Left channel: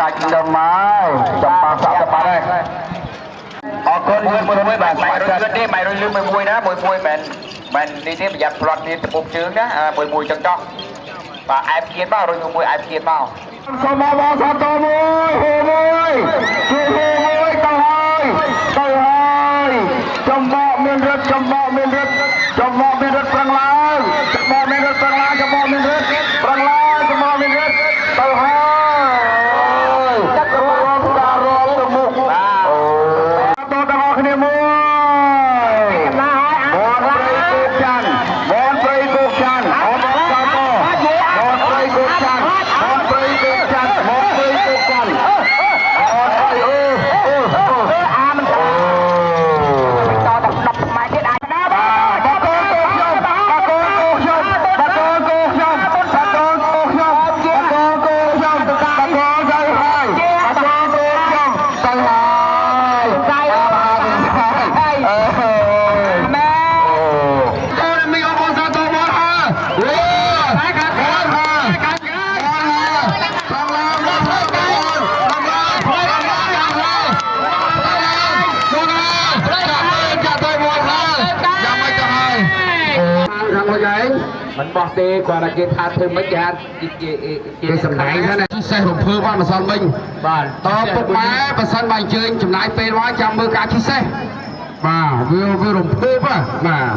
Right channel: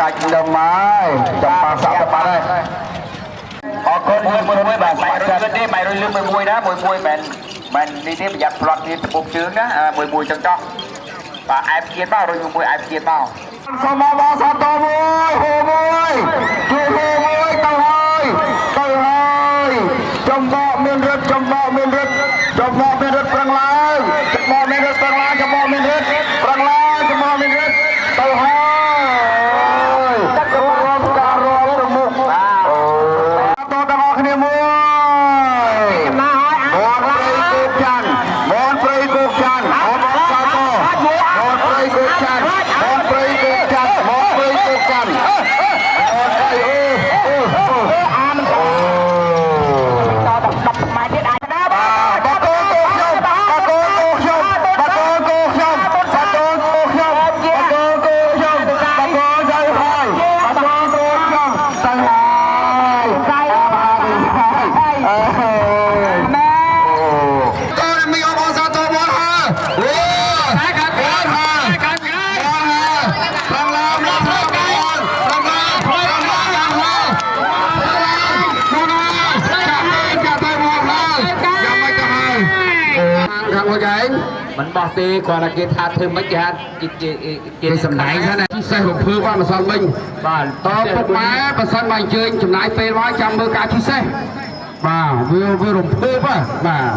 កាច់លំហើយចំប៉ាសាប់ទៅបាត់ហើយអរគុណមួយបាទម៉ៃរុយលឿនទេម៉ៃរុយលឿនមួយណាមួយមែននេះទេប្រយ័ត្នផ្លត់នេះត្បូងជើងណាមួយចឹងចោះបាទអែបទៀតមករុយមួយអែបទៀតមកសូមមកសាទរមួយជួយមួយទៅហើយចំបកមានរត់ប្រឹងឡើងចំបកមានរត់ប្រឹងឡើងទៅហើយទឹករួមការរលទៅមុខទៅដល់គ្នាមួយមនត្រីគោកច័ន្ទអត់សាទរមនត្រីគោកច័ន្ទអូអាមិនត10ម៉ែត្រទៀតអាចមិនបោះទេគាត់តែគេថាធ្វើមិនគេសម្ដែងហ្នឹងណាពិសេសរំភើបអត់ម្សិលមិញបាទតើពុកម៉ែបើសិនបើអញ្ជើញចំណាយពេលមកចាំមើលការពិសេសបាទវារំភើបបាទ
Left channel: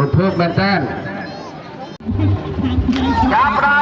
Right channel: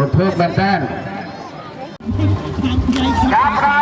រំភើបមែនតើកាមេរ៉ា